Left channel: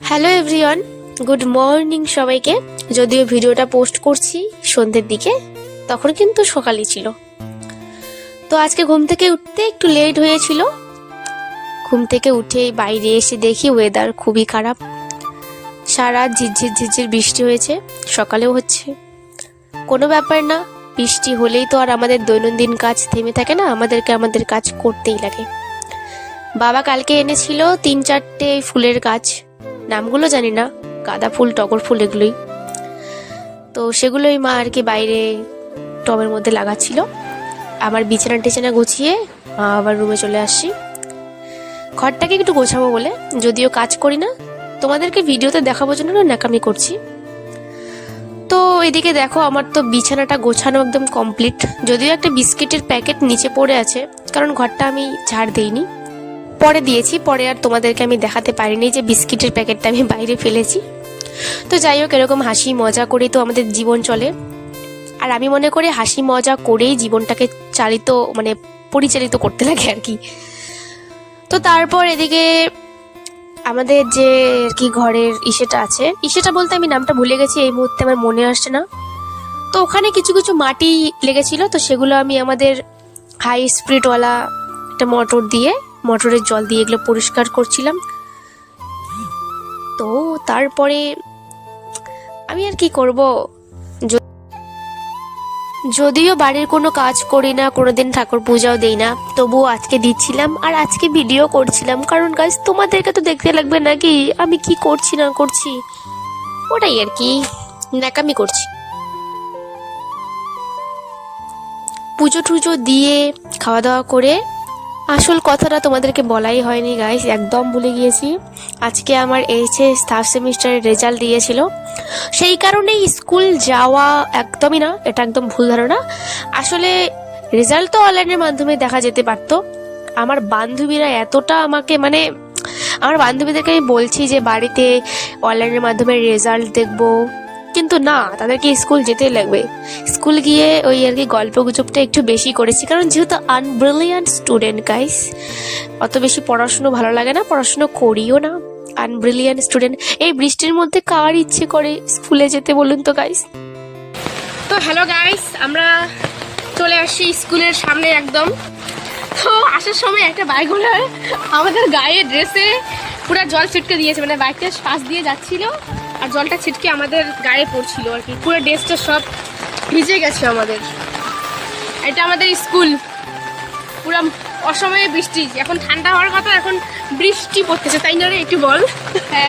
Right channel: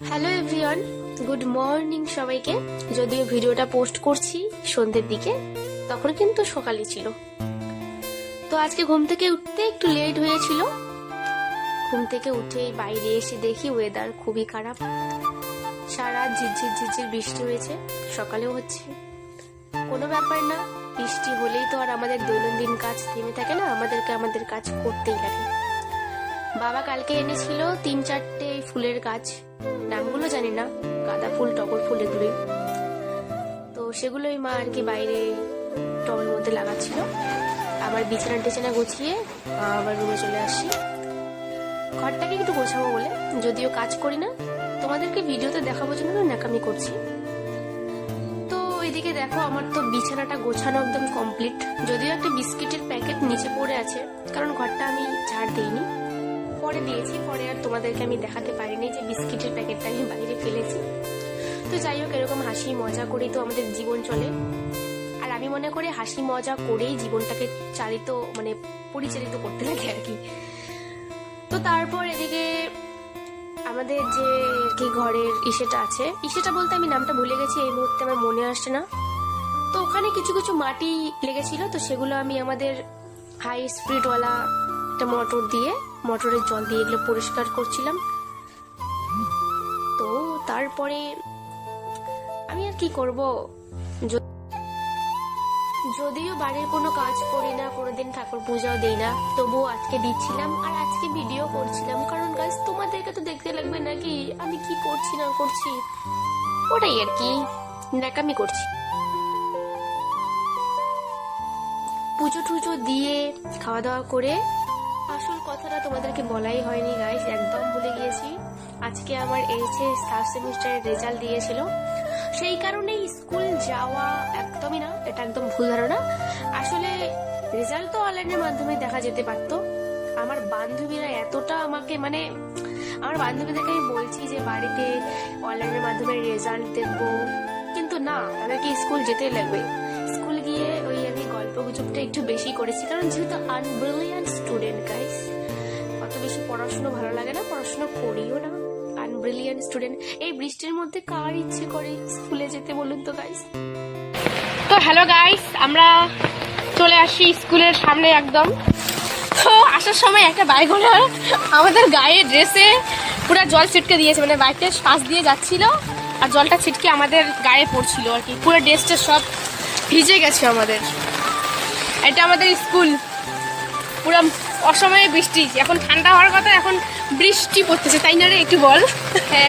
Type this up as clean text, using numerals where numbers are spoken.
Hello everyone, good morning সবাইকে। যদিও ভিডিওটা পোস্ট করছি সন্ধ্যের দিকে, তখন কিন্তু সকালই ছিল। তো আজকে ঘুম থেকে উঠতে একটু লেট হয়েছিল। ঘুম থেকে উঠে বাইরে এসে দেখি ওয়েদার খুবই খারাপ। সারা ঝিরঝির ঝিরঝির বৃষ্টি হয়েছে, সকালেও হচ্ছে। কোনো ব্যাপার না, বৃষ্টি হলেই তো আর আমাদের দৈনন্দিন কাজ থেমে থাকে না, আমাদের কাজ করতেই লাগে। বাবা কালকে এনেছিল 3-4টে ফুলের গাছ, নামগুলো জানি না, গাঁদা ফুল, টগর ফুল, এগুলোই। তো সেগুলোই মা আর কি বাইরে টবের মধ্যে লাগাচ্ছিল। আমার বিছানা টিছানা গুছিয়ে আবার রুমে চলে আসছি, ঘরটাকে একটু গোছাবো বলে। যদিও কাজ করি না, তোমাদেরকে ভিডিওতে দেখাবো জন্য ন্যাকামি করছি। তো এদিকে দেখো, আমার তো বিছানাটা গোছানো একদম কমপ্লিট। যদিও একটা বিস্কিটের প্যাকেট নিচে পড়ে আছে, কারণ ঘরটা আমি ঝাড় দেইনি, পরে দিয়েছি। পরে আর তোমাদেরকে আমি দেখাতে পারিনি যে বিস্কিটের প্যাকেটটা আমি বাইরে ফেলেছি। তো যাই হোক, এরকম হাসি মজা করেই তো আমাদের জীবন চলে। আর আমি মনে করি হাসি মজা করেই জীবনটাকে পরিচালিত করতে লাগে আর কি। তো তারপর এদিকে আমাদের যে আর কি ঘরের ইসেটা আছে, ইসেটা বলতে আমি নামটা ভুলে গেছি, এই মুহূর্তে আমার মনে আসছে না। তো ওখানে কিছু কিছু মাটি লেগেছিল, তো সেগুলো আমি আমাদের হাই স্পিডওয়ালা একটা মোটরের জল দিয়ে এগুলো পরিষ্কার করছিলাম। তো তারপরে আমি আর কি করব, যদিও বাড়ির কোনো কাজ করি না, কোনোদিন ঠাকুর পূজাও দেই না, তবুও আজকে দিচ্ছিলাম আর আজকে ভিডিও করছিলাম। কারণ গাইস, তোমাদেরকে তো দেখতে লাগবে নাকি আমি কি করছি না করছি, ওটাই আর কি ন্যাকামি করছি। পুজো টুজো দিয়ে খাওয়া দাওয়া করে, আসল কথাটা তোমাদেরকে বলাই হয়নি গাইস, একদম ভুলে গিয়েছি। আজকে আমার এইচএস থার্ড সেমিস্টারের রেজাল্ট দিয়েছিল, সেই কারণেই স্কুল যাওয়া একদমই না, এটা একদম ভুল ধারণা। আসলে রেজাল্ট তো অনলাইনের মাধ্যমে দেখা যেতে পারতো। আমার বান্ধবীরা এতটা আমাকে আমার বান্ধবীদেরকে আমি বলছি যে বাড়িতে অনলাইনের মাধ্যমে রেজাল্ট দেখবো, কিন্তু না, তাদেরকে স্কুল যেতেই লাগবে। স্কুল গিয়ে ওই আর কি গল্প গুজবটা একটু বেশি করেছি, কারণ যেহেতু আনব্রিলিয়ান্ট স্টুডেন্ট গাইস, অত বেশি পড়াশুনো ভালো লাগে না, পড়াশুনো করিও না, আনব্রিলিয়ান্ট স্টুডেন্ট। এই বৃষ্টির মধ্যে কার ইচ্ছে করে স্কুলে যেতে বলুন তো গাইস। তো হ্যালো গাইস, আমরা চলে আসি স্কুলের সামনে একদম। তো আসার সময় একটা বাইক ওনার আমাদের গায়ে ড্রেসে পুরো জল ছিটকে দিয়েছে, বাইকটা পাশ দিয়ে যাচ্ছিল আর জলটা ছিটকে আমাদের গায়ে পড়ছিল আর কি, পুরো ড্রেসটা সব ভিজে গেছে আমাদের। এটা আমাদের স্কুল, পুরো অসময়ে বৃষ্টি, এখন ঠান্ডা হওয়ার কথা, এখন বৃষ্টি পড়তেছে, তাই না রে, একটু বল। হ্যাঁ।